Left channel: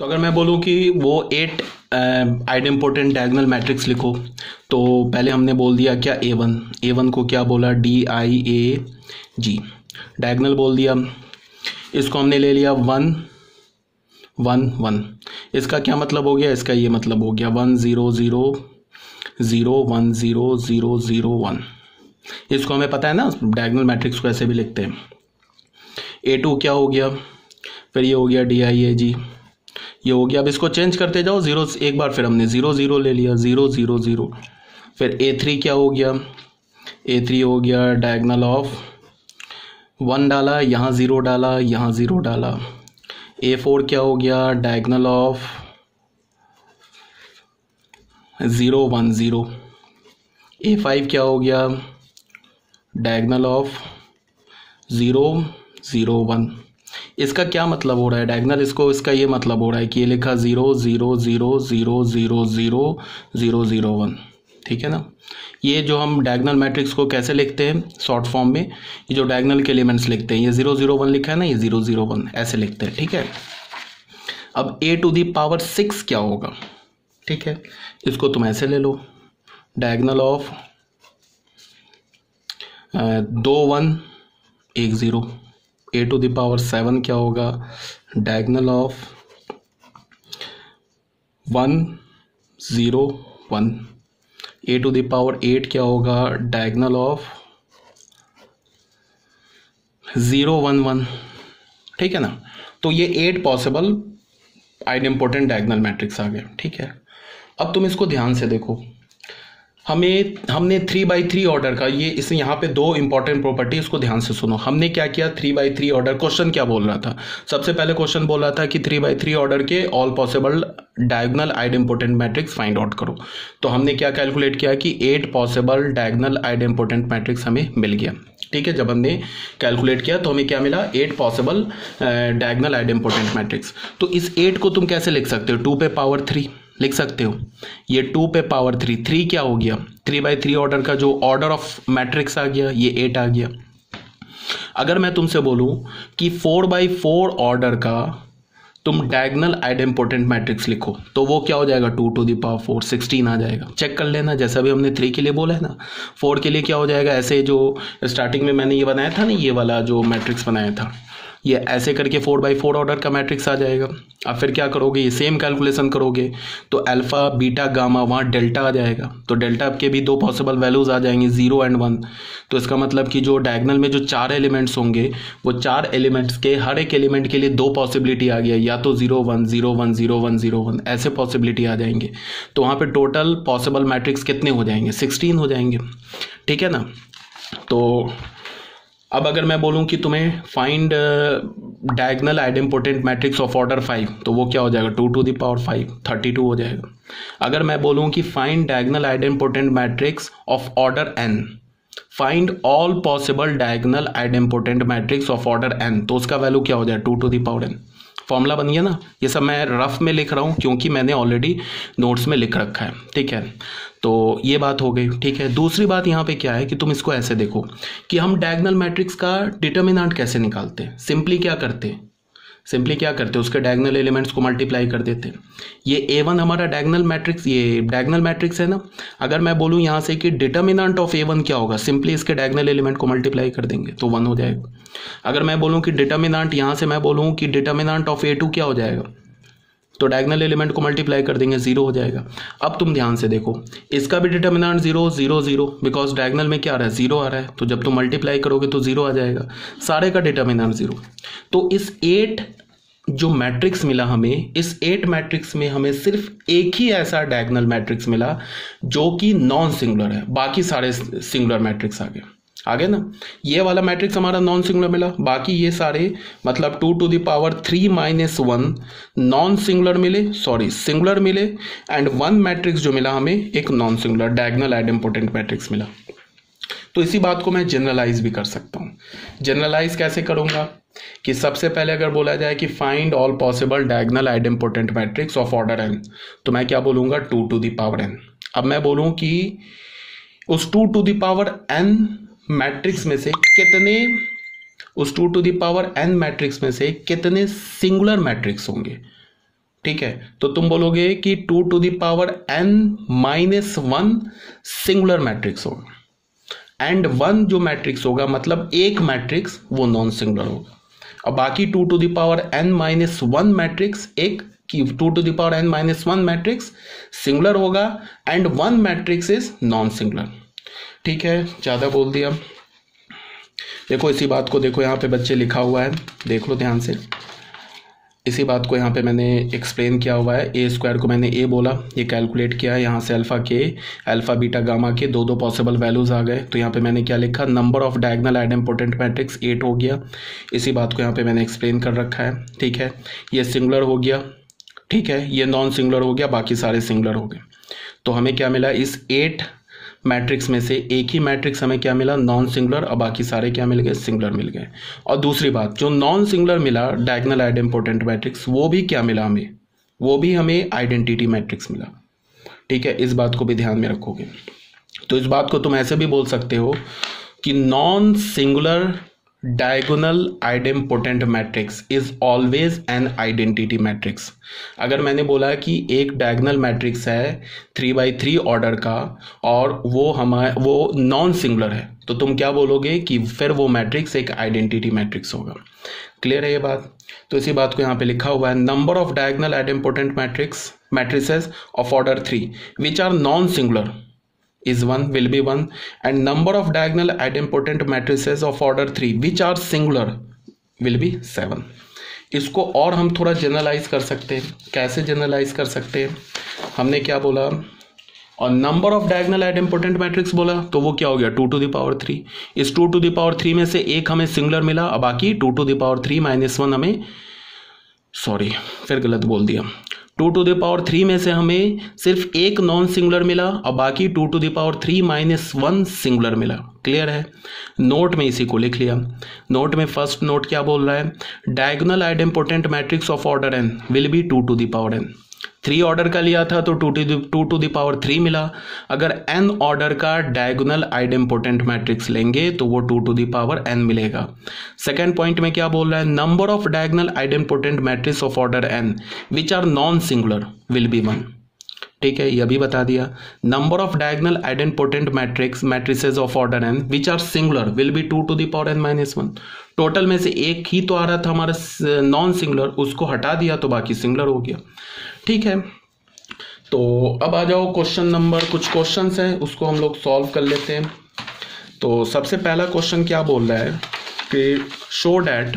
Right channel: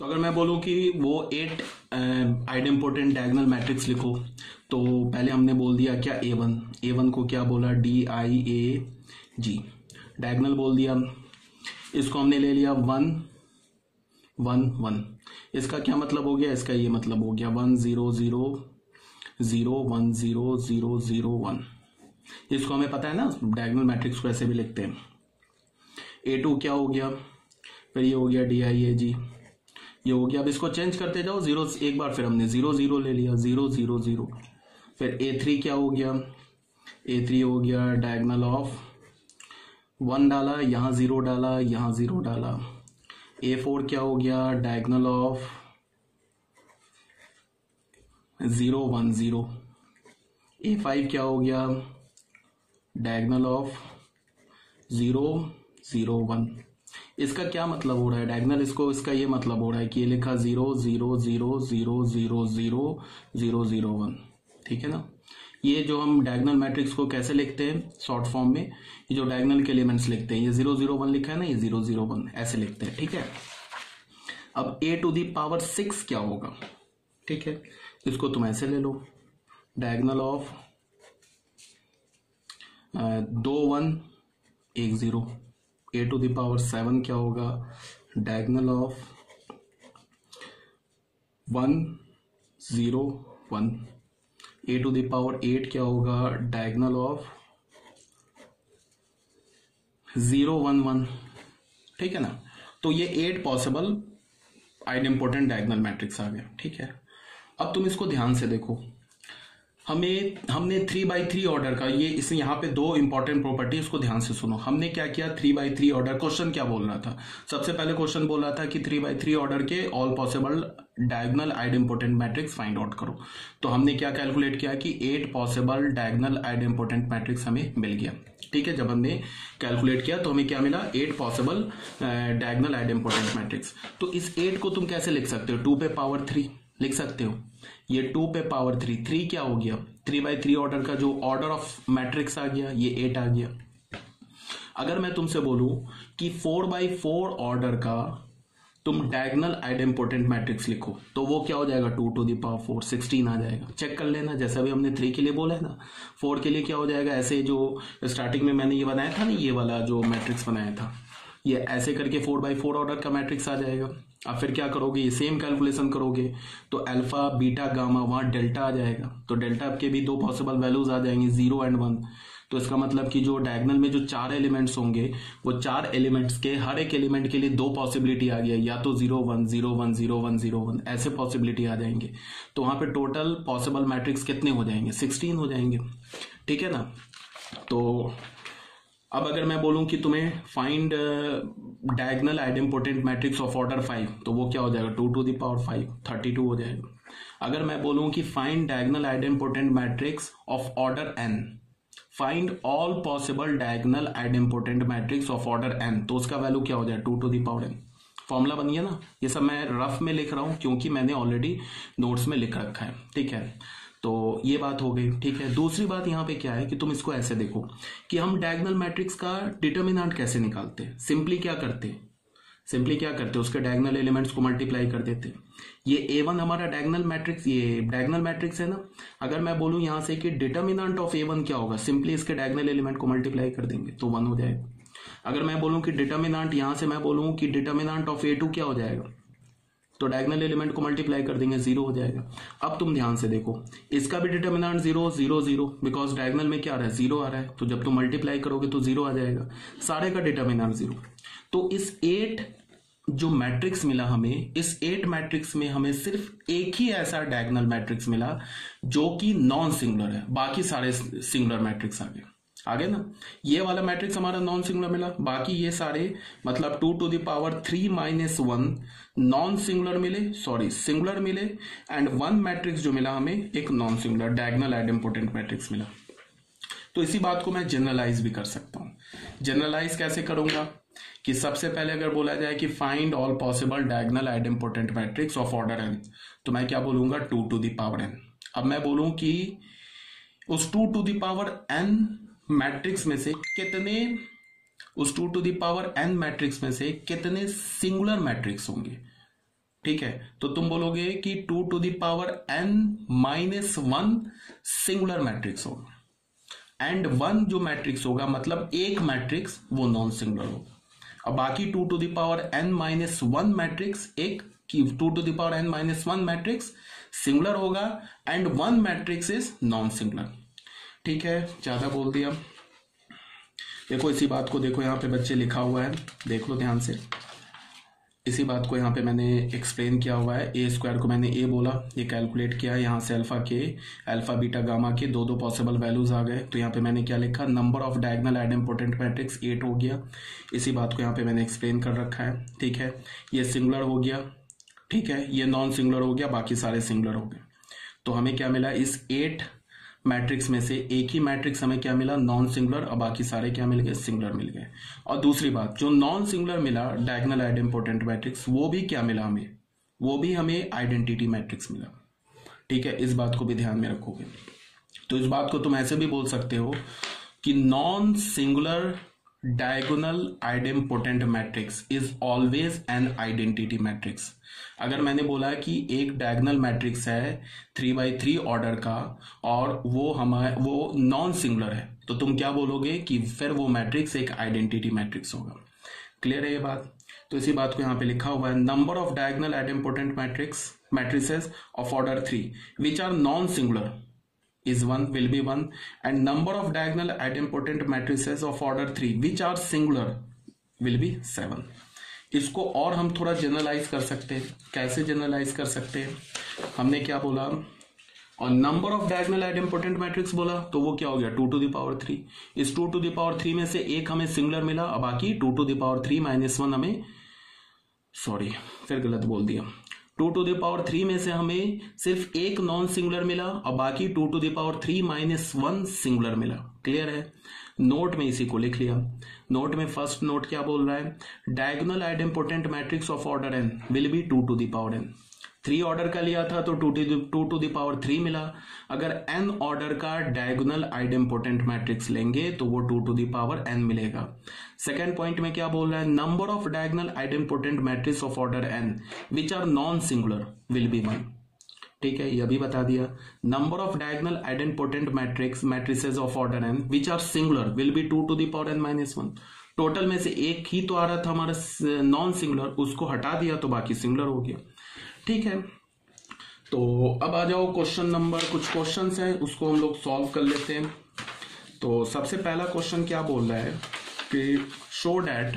तो अगर मैं बोलूँ कि वो 8 आइडेम्पोटेंट डायगोनल मैट्रिक्स लिखो, तो पहले हमने बोल दिया क्या ए वन को क्या बोला, DIAG, डायगोनल बोल दिया। इसको हमने ले लिया 1 1 1। इसका क्या मतलब हो गया, इसका ये मतलब हो गया 1 0 0 0 1 0 0 0 1। इसको हमें पता है ना, डायगोनल मैट्रिक्स को ऐसे भी लिखते हैं। A2 क्या हो गया, फिर ये हो गया DIAG, ये हो गया। अब इसको चेंज करते जाओ, जीरो एक बार फिर हमने 0 0 ले लिया, 0 0 0। फिर A3 क्या हो गया, A3 हो गया डायगोनल ऑफ 1 डाला, यहाँ 0 डाला, यहाँ 0 डाला। A4 क्या हो गया, डायगोनल ऑफ 0 1 0। A5 क्या हो गया, डायगोनल ऑफ 0 0 1। इसका क्या मतलब हो रहा है डायगोनल, इसका ये मतलब हो रहा है कि ये लिखा 0 0 0 0 0 0 0 0 1, ठीक है ना। ये जो हम डायगोनल मैट्रिक्स को कैसे लिखते हैं शॉर्ट फॉर्म में, ये जो डायगोनल के एलिमेंट्स लिखते हैं, ये 0 0 1 लिखा है ना, ये 0 0 1 ऐसे लिखते हैं, ठीक है। अब A⁶ क्या होगा, ठीक है, इसको तुम ऐसे ले लो, डायगोनल ऑफ 2 1 1 0। A⁶ क्या होगा, डायगोनल ऑफ 1 0 1। A⁸ क्या होगा, डायगोनल ऑफ 0 1 1, ठीक है ना। तो ये 8 पॉसिबल आइडेम्पोटेंट डायगोनल मैट्रिक्स आ गए, ठीक है। अब तुम इसको ध्यान से देखो, हमने 3x3 ऑर्डर का, ये इस यहाँ पे 2 इंपॉर्टेंट प्रॉपर्टी, इसको ध्यान से सुनो। हमने क्या किया, 3x3 ऑर्डर, क्वेश्चन क्या बोल रहा था, सबसे पहले क्वेश्चन बोल रहा था कि 3x3 ऑर्डर के all possible diagonal idempotent matrix find out करो। तो हमने क्या कैलकुलेट किया कि 8 पॉसिबल डायगोनल आइडेम्पोटेंट मैट्रिक्स हमें मिल गया, ठीक है। जब हमने कैलकुलेट किया तो हमें क्या मिला, 8 पॉसिबल डायगोनल आइडेम्पोटेंट मैट्रिक्स। तो इस 8 को तुम कैसे लिख सकते हो, 2 पे पावर 3 लिख सकते हो। ये 2 पे पावर 3, 3 क्या हो गया, 3x3 ऑर्डर का जो ऑर्डर ऑफ मैट्रिक्स आ गया, ये 8 आ गया। अगर मैं तुमसे बोलूं कि 4x4 ऑर्डर का तुम डायगोनल आइडेम्पोटेंट मैट्रिक्स लिखो, तो वो क्या हो जाएगा, 2⁴ 16 आ जाएगा। चेक कर लेना, जैसा भी हमने 3 के लिए बोला है ना, 4 के लिए क्या हो जाएगा, ऐसे जो स्टार्टिंग में मैंने ये बनाया था ना, ये वाला जो मैट्रिक्स बनाया था, ये ऐसे करके 4x4 ऑर्डर का मैट्रिक्स आ जाएगा। अब फिर क्या करोगे, ये सेम कैलकुलेशन करोगे तो अल्फा बीटा गामा, वहाँ डेल्टा आ जाएगा। तो डेल्टा के भी 2 पॉसिबल वैल्यूज आ जाएंगे, 0 और 1। तो इसका मतलब कि जो डायगोनल में जो 4 एलिमेंट्स होंगे, वो 4 एलिमेंट्स के हर एक एलिमेंट के लिए 2 पॉसिबिलिटी आ गया, या तो 0 1 0 1 0 1 0 1 ऐसे पॉसिबिलिटी आ जाएंगे। तो वहाँ पे टोटल पॉसिबल मैट्रिक्स कितने हो जाएंगे, 16 हो जाएंगे, ठीक है ना। तो अब अगर मैं बोलूं कि तुम्हें find diagonal idempotent matrix of order 5, तो वो क्या हो जाएगा, 2⁵ 32 हो जाएगा। अगर मैं बोलूं कि find diagonal idempotent matrix of order n, find all possible diagonal idempotent matrix of order n, तो उसका वैल्यू क्या हो जाए, 2⁵n। फॉर्मूला बन गया ना। ये सब मैं रफ में लिख रहा हूँ क्योंकि मैंने ऑलरेडी नोट्स में लिख रखा है, ठीक है। तो ये बात हो गई, ठीक है। दूसरी बात यहाँ पे क्या है कि तुम इसको ऐसे देखो कि हम डायगोनल मैट्रिक्स का डिटर्मिनेंट कैसे निकालते हैं। सिंपली क्या करते हैं, उसके डायगोनल एलिमेंट्स को मल्टीप्लाई कर देते हैं। ये A1 हमारा डायगोनल मैट्रिक्स, ये डायगोनल मैट्रिक्स है ना। अगर मैं बोलूँ यहाँ से कि डिटर्मिनेंट ऑफ A1 क्या होगा, सिंपली इसके डायगोनल एलिमेंट को मल्टीप्लाई कर देंगे तो 1 हो जाएगा। अगर मैं बोलूँ कि डिटर्मिनेंट, यहाँ से मैं बोलूँ कि डिटर्मिनेंट ऑफ A2 क्या हो जाएगा, तो डायगोनल एलिमेंट को मल्टीप्लाई कर देंगे, 0 हो जाएगा। अब तुम ध्यान से देखो, इसका भी डिटर्मिनेंट 0 0 0, बिकॉज डायगोनल में क्या आ रहा है, 0 आ रहा है। तो जब तुम मल्टीप्लाई करोगे तो 0 आ जाएगा, सारे का डिटर्मिनेंट 0। तो इस 8 जो मैट्रिक्स मिला हमें, इस 8 मैट्रिक्स में हमें सिर्फ एक ही ऐसा डायगोनल मैट्रिक्स मिला जो कि नॉन सिंगुलर है, बाकी सारे सिंगुलर मैट्रिक्स आ गए ना। ये वाला मैट्रिक्स हमारा नॉन सिंगुलर मिला, बाकी ये सारे मतलब 2⁻³ - 1 नॉन सिंगुलर मिले, सिंगुलर मिले। एंड 1 मैट्रिक्स जो मिला हमें, एक non singular diagonal idempotent matrix मिला। तो इसी बात को मैं जनरलाइज भी कर सकता हूँ। जनरलाइज कैसे करूंगा कि सबसे पहले अगर बोला जाए कि find all possible diagonal idempotent matrix of order n, तो मैं क्या बोलूंगा, 2⁻n। अब मैं बोलूं कि उस 2⁻n मैट्रिक्स में से कितने, उस 2⁻n मैट्रिक्स में से कितने सिंगुलर मैट्रिक्स होंगे, ठीक है, तो तुम बोलोगे कि 2n-1 सिंगुलर मैट्रिक्स होगा एंड 1 जो मैट्रिक्स होगा मतलब एक मैट्रिक्स वो नॉन सिंगुलर होगा। अब बाकी 2n-1 मैट्रिक्स एक कि 2n-1 मैट्रिक्स सिंगुलर होगा and 1 matrix is non singular. ठीक है, ज़्यादा बोल दिया। देखो इसी बात को देखो, यहाँ पे बच्चे लिखा हुआ है, देख लो ध्यान से। इसी बात को यहाँ पे मैंने एक्सप्लेन किया हुआ है। ए स्क्वायर को मैंने ए बोला, ये कैलकुलेट किया, यहाँ से अल्फा के अल्फा बीटा गामा के दो पॉसिबल वैल्यूज आ गए। तो यहाँ पे मैंने क्या लिखा, number of diagonal idempotent matrix 8 हो गया। इसी बात को यहाँ पे मैंने एक्सप्लेन कर रखा है। ठीक है, ये सिंगुलर हो गया, ठीक है, ये नॉन सिंगुलर हो गया, बाकी सारे सिंगुलर हो गए। तो हमें क्या मिला, इस 8 मैट्रिक्स में से एक ही मैट्रिक्स हमें क्या मिला, नॉन सिंगुलर, और बाकी सारे क्या मिल गए, सिंगुलर मिल गए। और दूसरी बात, जो नॉन सिंगुलर मिला डायगोनल आइडेम्पोटेंट मैट्रिक्स, वो भी क्या मिला हमें, वो भी हमें आइडेंटिटी मैट्रिक्स मिला। ठीक है, इस बात को भी ध्यान में रखोगे। तो इस बात को तुम ऐसे भी बोल सकते हो कि non singular diagonal idempotent matrix is always an identity matrix. अगर मैंने बोला कि एक डायगोनल मैट्रिक्स है 3x3 ऑर्डर का और वो नॉन सिंगुलर है, तो तुम क्या बोलोगे कि फिर वो मैट्रिक्स एक आइडेंटिटी मैट्रिक्स होगा। क्लियर है ये बात? तो इसी बात को यहाँ पे लिखा हुआ है, number of diagonal idempotent matrices of order 3 which are non singular is 1 will be 1 and number of diagonal idempotent matrices of order 3 which are singular will be 7। इसको और हम थोड़ा जनरलाइज कर सकते हैं। कैसे जनरलाइज कर सकते हैं, हमने क्या बोला, और number of diagonal idempotent matrix बोला, तो वो क्या हो गया 2⁻3। इस 2⁻3 में से एक हमें सिंगुलर मिला और बाकी 2⁻3-1 हमें, सॉरी फिर गलत बोल दिया, 2⁻3 में से हमें सिर्फ एक नॉन सिंगुलर मिला और बाकी 2⁻3-1 सिंगुलर मिला। क्लियर है? नोट में इसी को लिख लिया। नोट में फर्स्ट नोट क्या बोल रहा है, diagonal idempotent matrix of order n will be 2n। 3 order का लिया था तो 2⁻3 मिला। अगर n ऑर्डर का डायगोनल आइडेम्पोटेंट मैट्रिक्स लेंगे तो वो 2n मिलेगा। सेकेंड पॉइंट में क्या बोल रहा है, number of diagonal idempotent matrix of order n which are non singular will be 1। ठीक है, यह भी बता दिया। Number of diagonal idempotent matrices of order n which are singular will be 2n-1। Total में से एक ही तो आ रहा था हमारा नॉन सिंगुलर, उसको हटा दिया तो बाकी सिंगुलर हो गया। ठीक है, तो अब आ जाओ क्वेश्चन नंबर, कुछ क्वेश्चंस हैं उसको हम लोग सॉल्व कर लेते हैं। तो सबसे पहला क्वेश्चन क्या बोल रहा है कि शो डैट